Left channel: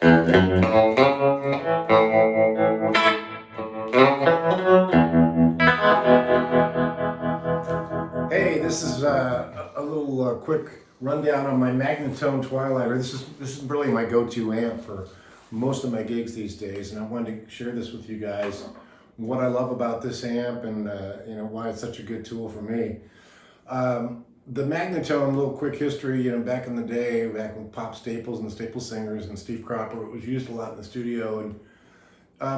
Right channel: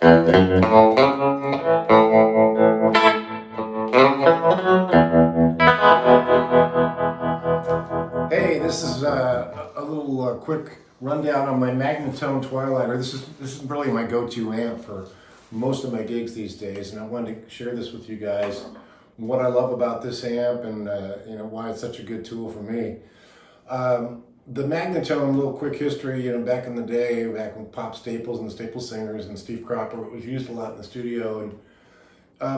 Hey, this is a little quick rundown on my Magnatone Twilighter. This is really my go-to amp for most of my gigs these days, and I wanted to share this with you guys. What I love about this amp, and you know, why it's such a good tool for me. The Magnatone, little quick history. You know, back in the day, back when Pop Staples and the Staple Singers and Steve Cropper, it was used a lot in the studio, and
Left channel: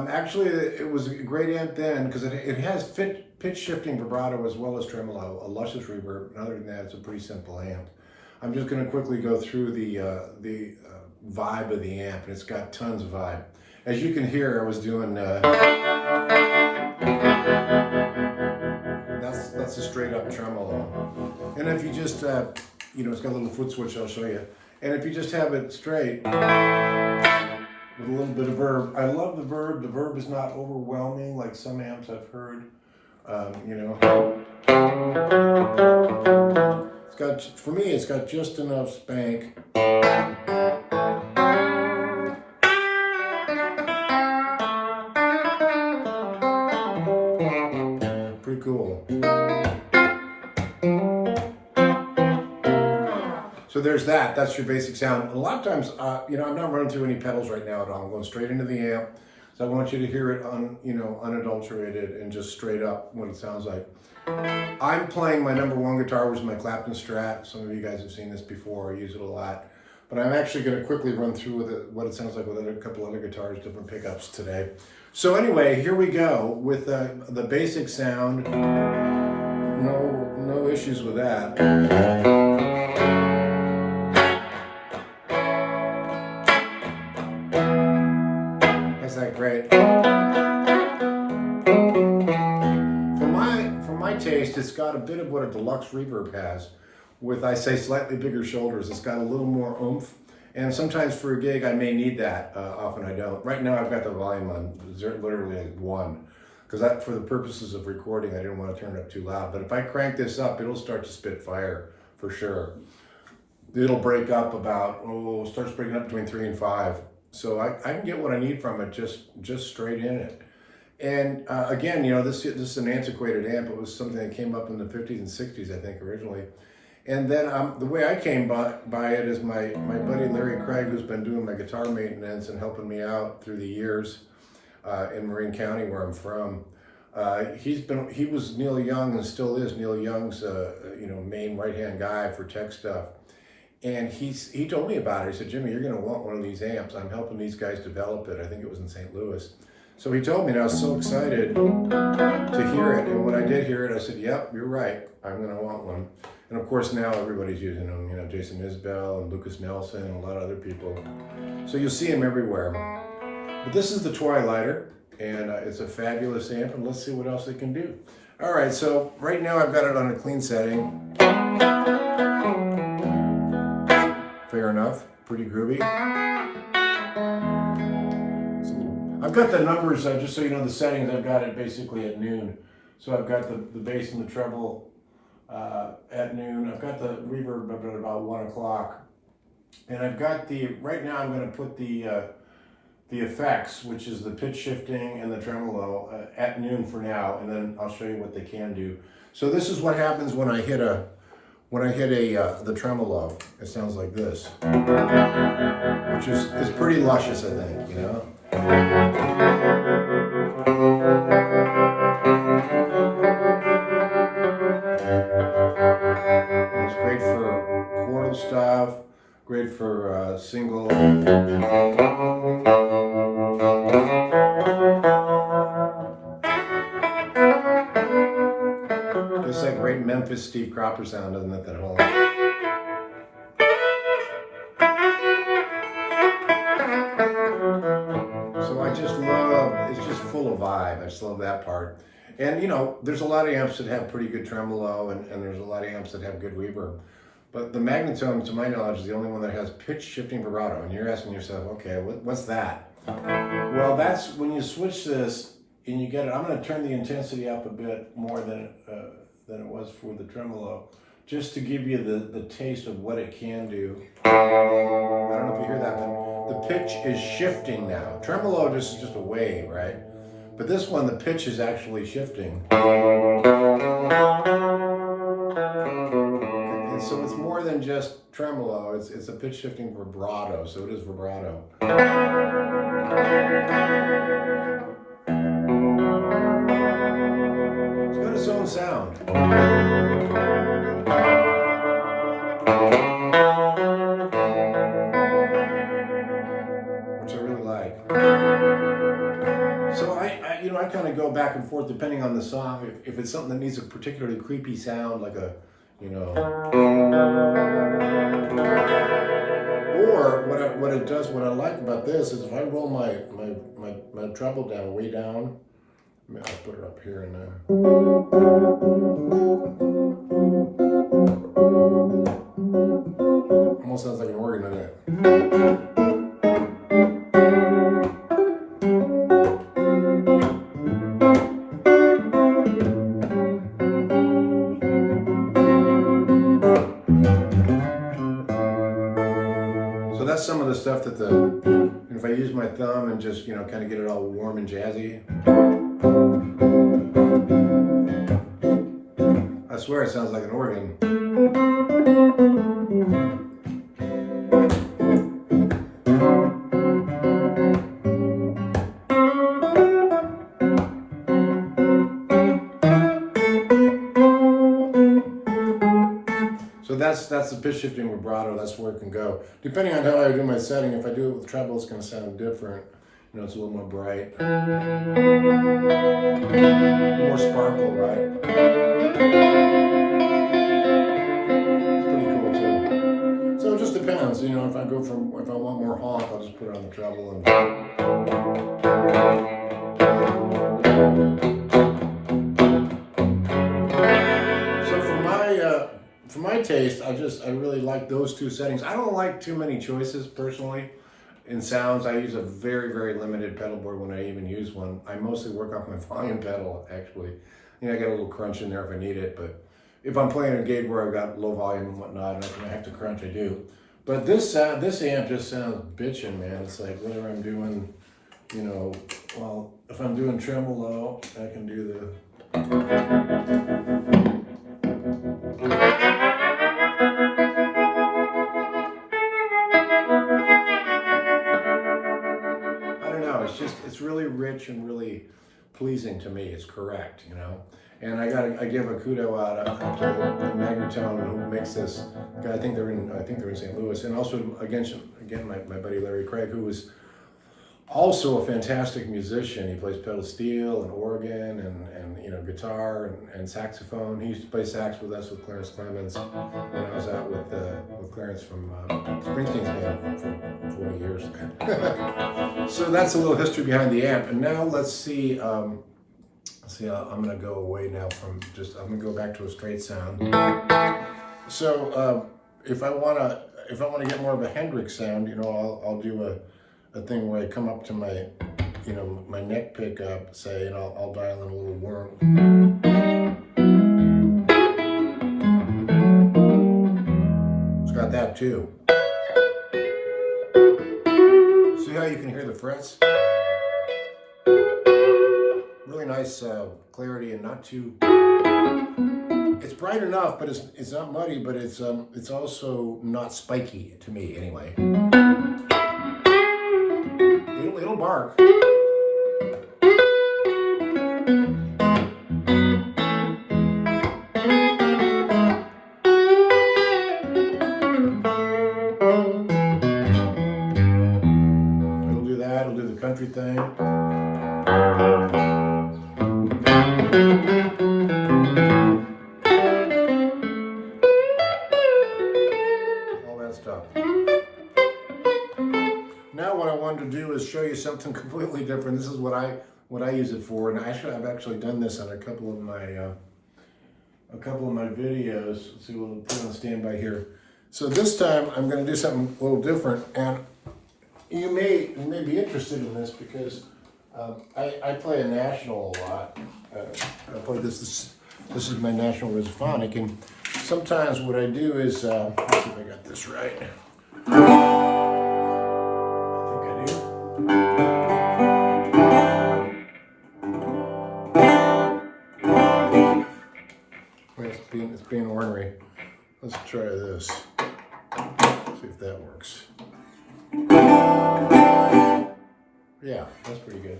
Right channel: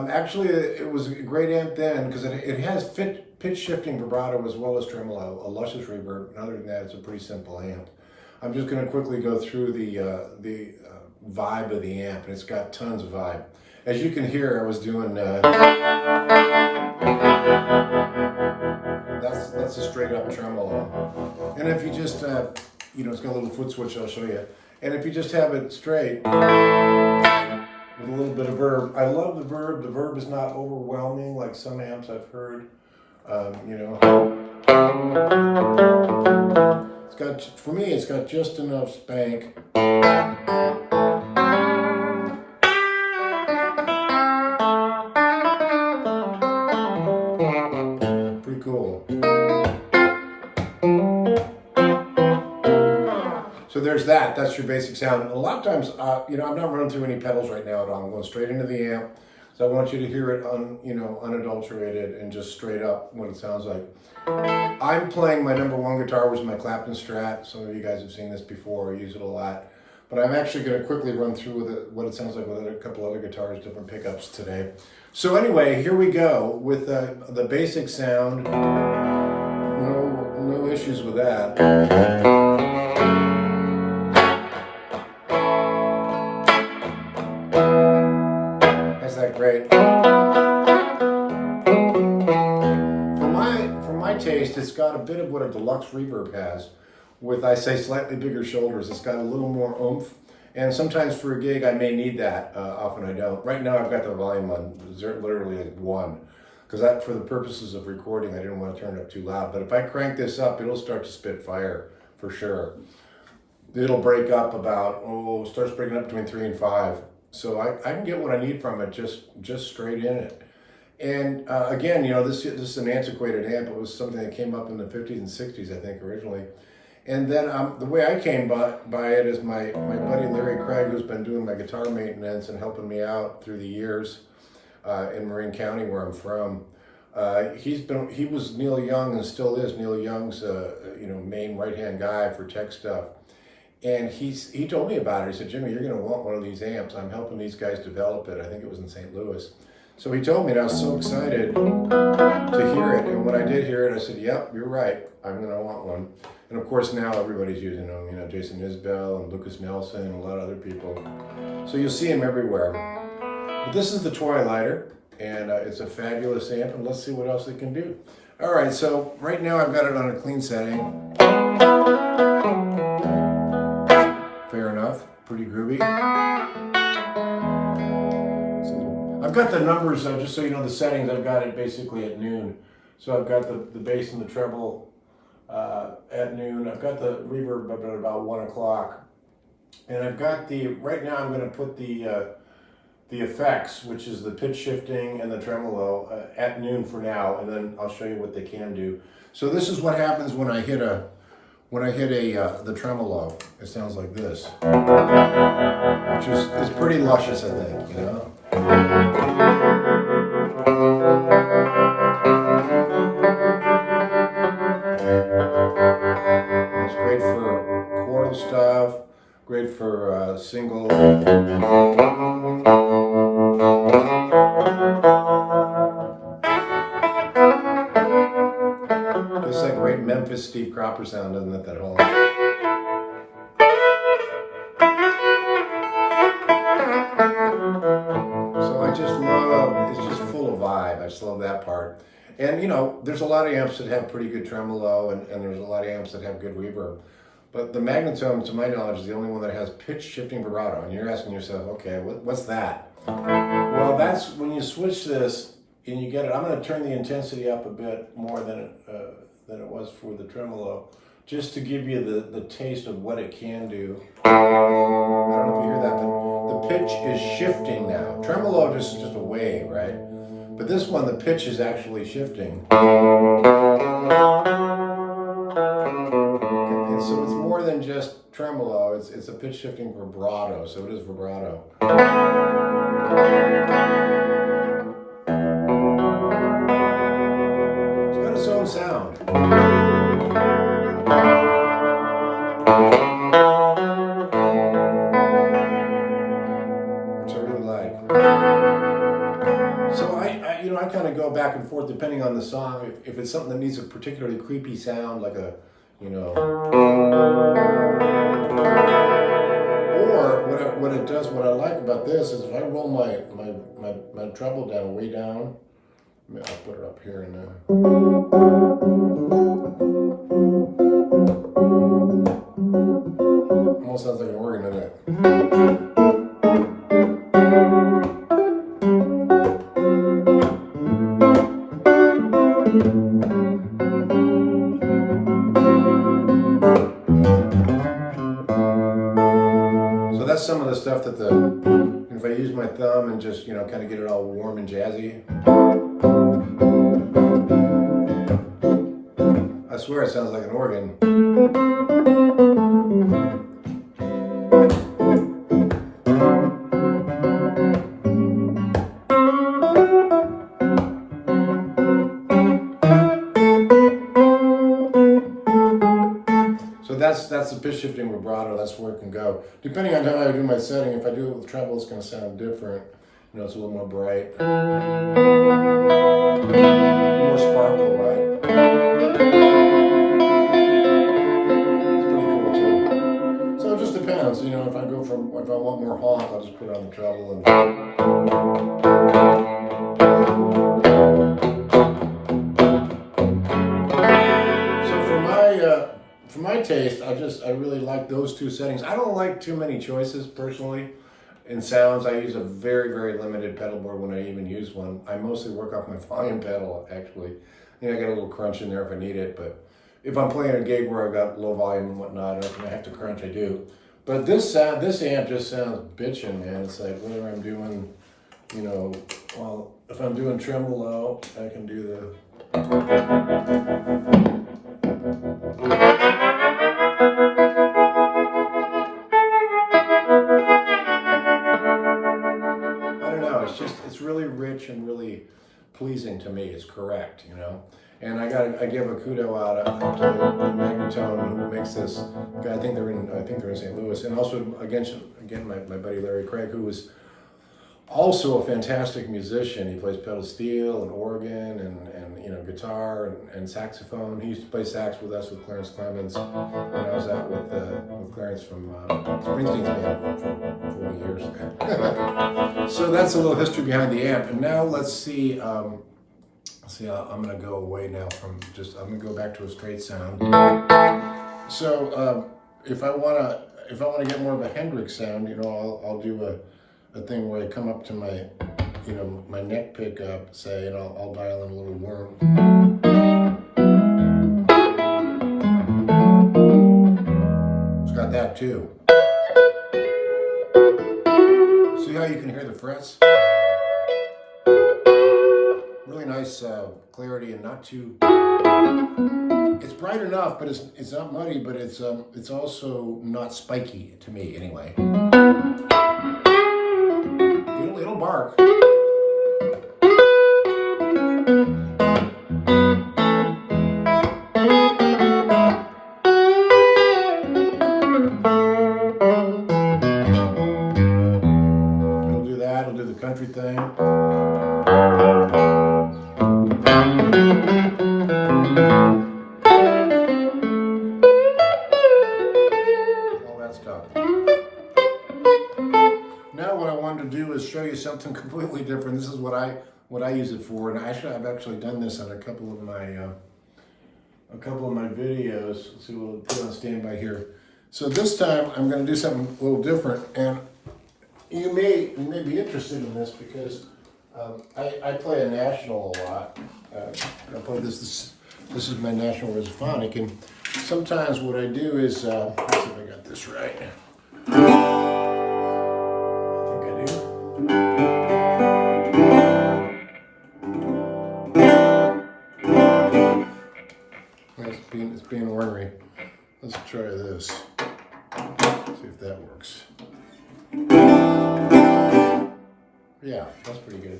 actually, it was a great amp then because it has pitch shifting vibrato as well as tremolo, a luscious reverb, and other than that, it's a pretty simple amp. I'm just going to quickly go through the vibe of the amp, and it's got tons of vibe. As you can hear, I was doing that's a straight up tremolo, and if you just you know, it's got a little foot switch. I'll show you, and if you just have it straight with a little bit of verb. I love the verb. The verb is not overwhelming like some amps I've heard. You know, it's got, for me, it's got just enough spank. Pretty cool. So there's that. That's your basic sound. And a lot of times, you know, I'm not running through any pedals right now at all. I'm going straight into the amp. So I want you to hear it unadulterated and just straight up what it sounds like. I'm playing my #1 guitar, which is my Clapton Strat. Some of you guys have seen this before. I use it a lot. But I'm actually going to quickly run through with it, what it sounds like with a couple other guitars, different pickups today. So anyway, here we go with the basic sound. No issues with that. That great. For my taste, it's got a bit of what a Deluxe Reverb has, with, I say, slightly bigger shoulders. It's got a little more oomph, and sometimes for a gig I may need that. Often I don't. Right now I've got the volume on literally like 1, because for the purposes of recording I didn't want to turn it up too loud. But if I crank this up, it'll start to spit fire for sure. It'll break up about, starts breaking up between 3 and 5. So I can get what I need from it just straight in it. And again, you know, this is an antiquated amp. It was something that came up in the 50s and 60s, I think, originally. And then the way I came by it is my buddy Larry Craig, who's been doing my guitar maintenance and helping me out through the years in Marin County, where I'm from. He was Neil Young and still is Neil Young's you know, main right-hand guy for tech stuff. And he told me about it. He said, Jimmy, you're going to want one of these amps. I'm helping these guys develop it. I think it was in St. Louis. So he told me, and I was so excited to hear it. And when I did hear it, I said, yep, you're right. I'm going to want one. And of course, now everybody's using them. You know, Jason Isbell and Lukas Nelson and a lot of other people. So you'll see them everywhere. But this is the Twilighter, and it's a fabulous amp. And let's see what else it can do. All right, so right now I've got it on a clean setting. Fair enough, pretty groovy. I've got the numbers, just so you know the settings, I've got it basically at noon. So I've got the bass and the treble at noon. I've got the reverb at about 1 o'clock. And I've got right now I'm going to put the effects, which is the pitch shifting and the tremolo at noon for now, and then I'll show you what they can do. So this is what happens when I hit the tremolo. It sounds like this, which is pretty luscious, I think, you know. It's great for chordal stuff, great for single. It's like great Memphis Steve Cropper sound, doesn't it, that whole... So I just love, it's just full of vibe. I just love that part. And you know, there's a lot of amps that have pretty good tremolo, and there's a lot of amps that have good reverb. But the Magnatone, to my knowledge, is the only one that has pitch shifting vibrato. And you're asking yourself, okay, what's that? Well, that's when you switch this and you get it. I'm going to turn the intensity up a bit more than it was for the tremolo. just to give you the taste of what it can do. I don't know if you hear that, but the pitch is shifting now. Tremolo just is just a wave, right? But this one, the pitch is actually shifting. And so it's more than just tremolo, it's a pitch shifting vibrato, so it is vibrato. It's got its own sound. Which I really like. So I kind of go back and forth depending on the song. If it's something that needs a particularly creepy sound, like a, or what it does, what I like about this is if I roll my treble down, way down, I'll put her up here and almost sounds like an organ, doesn't it? So that's some of the stuff that if I use my thumb and just, kind of get it all warm and jazzy. I swear it sounds like an organ. So that's the pitch shifting vibrato. That's where it can go. Depending on how I do my setting, if I do it with treble, it's going to sound different. It's a little more bright, more sparkle, right? It's pretty cool too. So it just depends. If I want more honk, I'll just put it on the treble and. For my taste, I really like those two settings. I don't like too many choices personally in sounds. I use a very, very limited pedal board when I even use one. I mostly work off my volume pedal, actually. I got a little crunch in there if I need it, but if I'm playing a gig where I've got low volume and whatnot, and I have to crunch, I do. But this amp just sounds bitchin', man. It's like whether I'm doing, well, if I'm doing tremolo, I can do the. It's really rich and really pleasing to me. It's correct, And I give a kudo out to the Magnatone who makes this. I think they're in St. Louis, and also again my buddy Larry Craig, who is also a fantastic musician. He plays pedal steel and organ and guitar and saxophone. He used to play sax with us with Clarence Clemens when I was out with Clarence from Springsteen's band for 40 years. So that's a little history behind the amp. And now let's see. I'm going to go away now from I'm going to go back to a straight sound. So if I want to get more of a Hendrix sound, I'll do a thing where I come up to my, my neck pickup, say, and I'll dial in a little worm. It's got that too. See how you can hear the frets? Really nice clarity and not too. It's bright enough, but it's not muddy, but it's also not spiky to me anyway. It'll bark. It'll do that. It'll do the country thing. All that stuff. Now what I wanted to do is show you something completely different. This is what I use it for, and I've actually done this on a couple of my videos. Let's see, we'll put it on standby here. So this time I'm going to do something a little different, and you may be interested in this because I play a National a lot. I play this is my National Resophonic, and sometimes what I do is, let's see if I got this right. I think I do. It's being ornery. Let's try this. See if that works. Yeah, that's pretty good.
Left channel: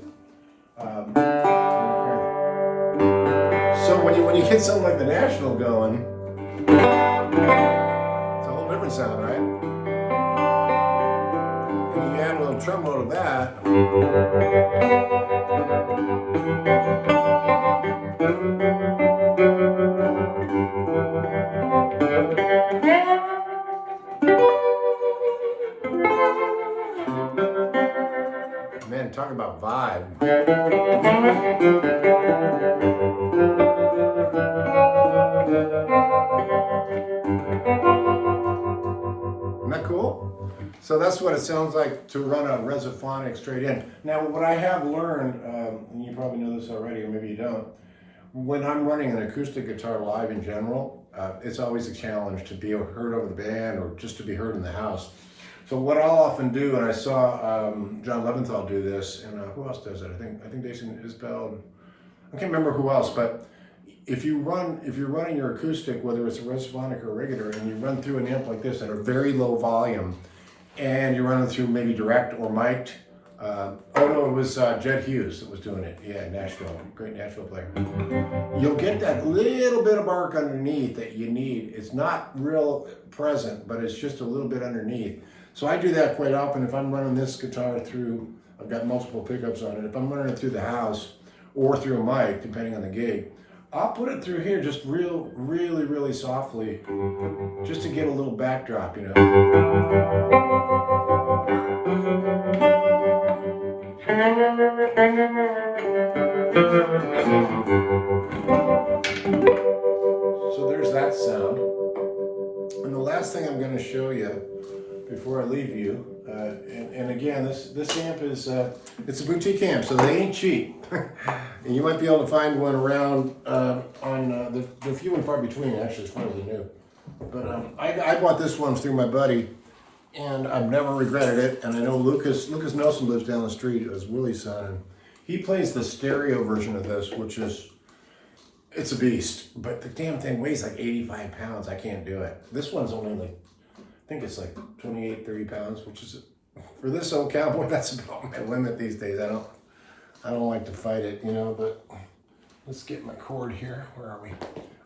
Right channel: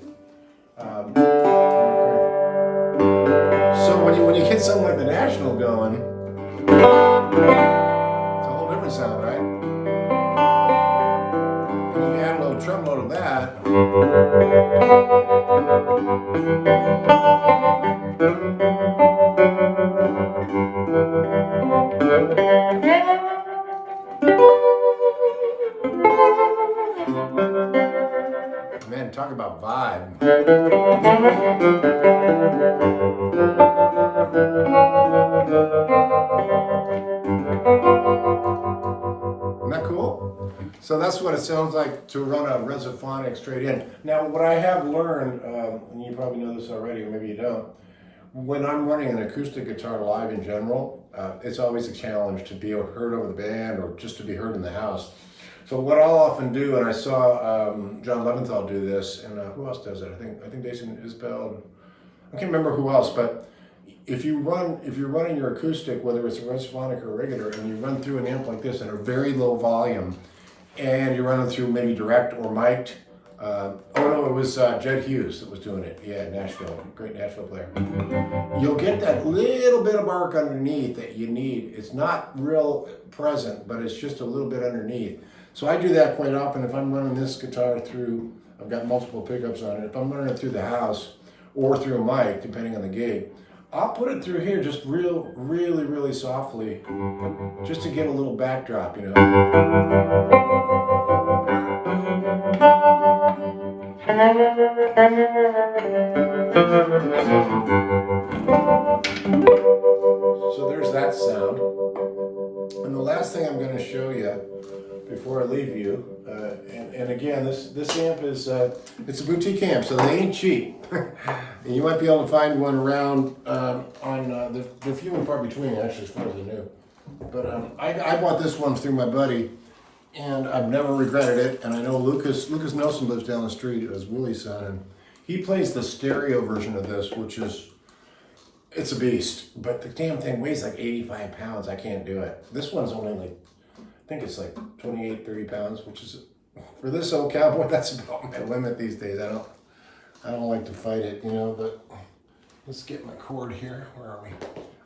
So when you get something like the National going, it's a whole different sound, right? And you add a little tremolo to that. Man, talk about vibe. Isn't that cool? So that's what it sounds like to run a Resophonic straight in. Now, what I have learned, and you probably know this already, or maybe you don't, when I'm running an acoustic guitar live in general, it's always a challenge to be heard over the band or just to be heard in the house. So what I'll often do, and I saw John Leventhal do this, and who else does it? I think Jason Isbell. I can't remember who else, but if you're running your acoustic, whether it's a Resophonic or a regular, and you run through an amp like this at a very low volume, and you're running through maybe direct or mic'd. Oh no, it was Jed Hughes that was doing it. Yeah, Nashville, great Nashville player. You'll get that little bit of arc underneath that you need. It's not real present, but it's just a little bit underneath. So I do that quite often if I'm running this guitar through, I've got multiple pickups on it. If I'm running it through the house or through a mic, depending on the gig, I'll put it through here just really softly, just to get a little backdrop, you know. So there's that sound. And the last thing I'm going to show you before I leave you, and again, this amp is, it's a boutique amp, so they ain't cheap. And you might be able to find one around on the few and far between, actually, as far as I knew. But I bought this one through my buddy, and I've never regretted it. And I know Lukas Nelson lives down the street, as Willie's son, and he plays the stereo version of this, which is, it's a beast. But the damn thing weighs like 85 pounds. I can't do it. This one's only like, I think it's like 28, 30 pounds, which is, for this old cowboy, that's about my limit these days. I don't like to fight it, you know, but let's get my cord here. Where are we?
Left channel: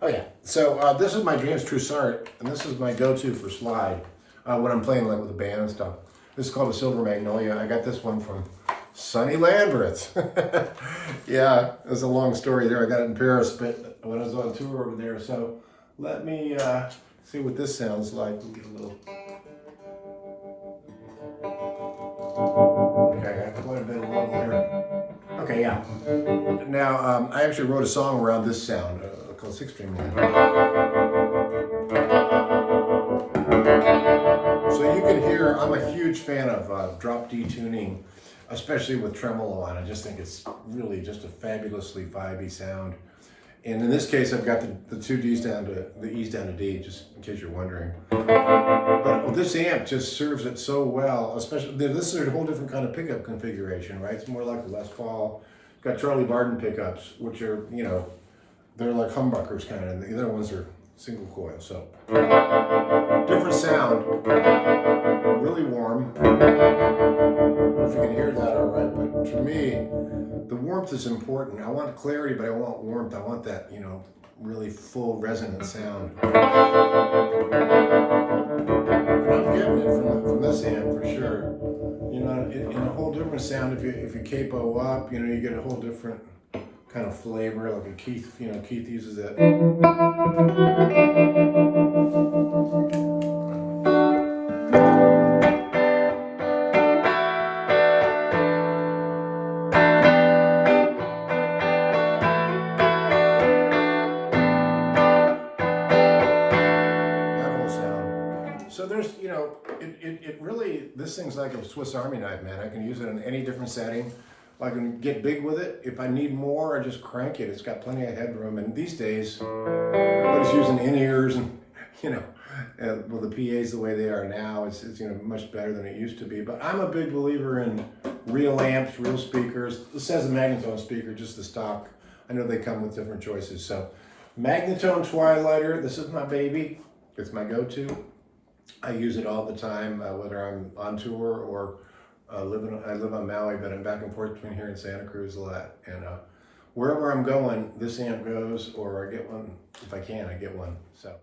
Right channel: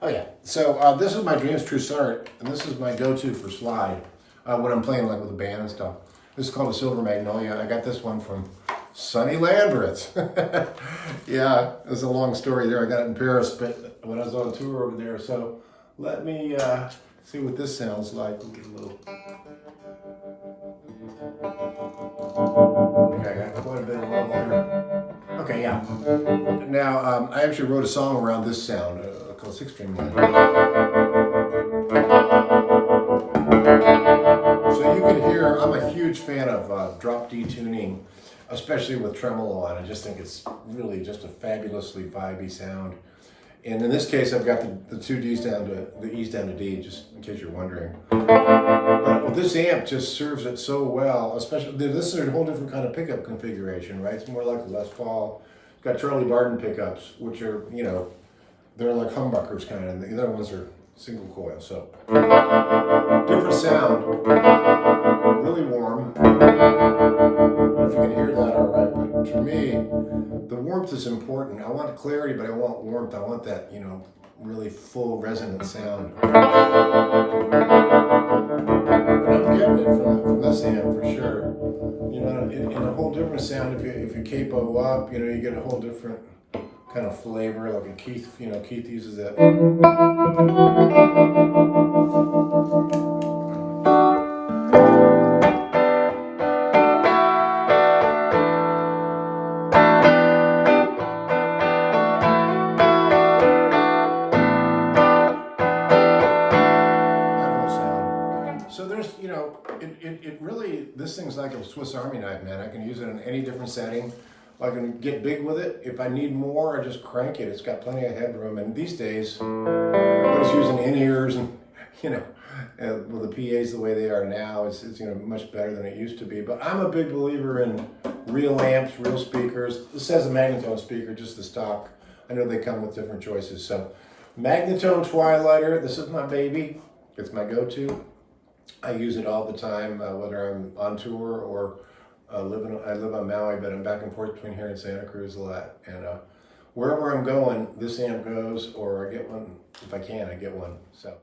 Oh yeah. So this is my Dreams Trussart, and this is my go-to for slide when I'm playing like with a band and stuff. This is called a Silver Magnolia. I got this one from Sonny Landreth. Yeah, it was a long story there. I got it in Paris, but when I was on tour over there. So let me see what this sounds like. We'll get a little. Okay, I got quite a bit of level here. Okay, yeah. Now, I actually wrote a song around this sound called Six String Man. So you can hear, I'm a huge fan of drop D tuning, especially with tremolo on. I just think it's really just a fabulously vibey sound. And in this case, I've got the two Ds down to, the E's down to D, just in case you're wondering. But this amp just serves it so well, especially, this is a whole different kind of pickup configuration, right? It's more like a Les Paul. It's got Charlie Barden pickups, which are, you know, they're like humbuckers kind of, and the other ones are single coil, so. Different sound, really warm. I don't know if you can hear that all right, but to me, the warmth is important. I want clarity, but I want warmth. I want that, you know, really full resonant sound. And I'm getting it from this amp for sure. You know, in a whole different sound, if you capo up, you know, you get a whole different kind of flavor, like a Keith, you know, Keith uses it. So there's, you know, it really, this thing's like a Swiss Army knife, man. I can use it in any different setting. I can get big with it. If I need more, I just crank it. It's got plenty of headroom. And these days, everybody's using in-ears and, you know, well, the PAs the way they are now, it's you know, much better than it used to be. But I'm a big believer in real amps, real speakers. This says a Magnatone speaker, just the stock. I know they come with different choices. So Magnatone Twilighter, this is my baby. It's my go-to. I use it all the time, whether I'm on tour or I live on Maui, but I'm back and forth between here and Santa Cruz a lot. And wherever I'm going, this amp goes, or I get one, if I can, I get one. So.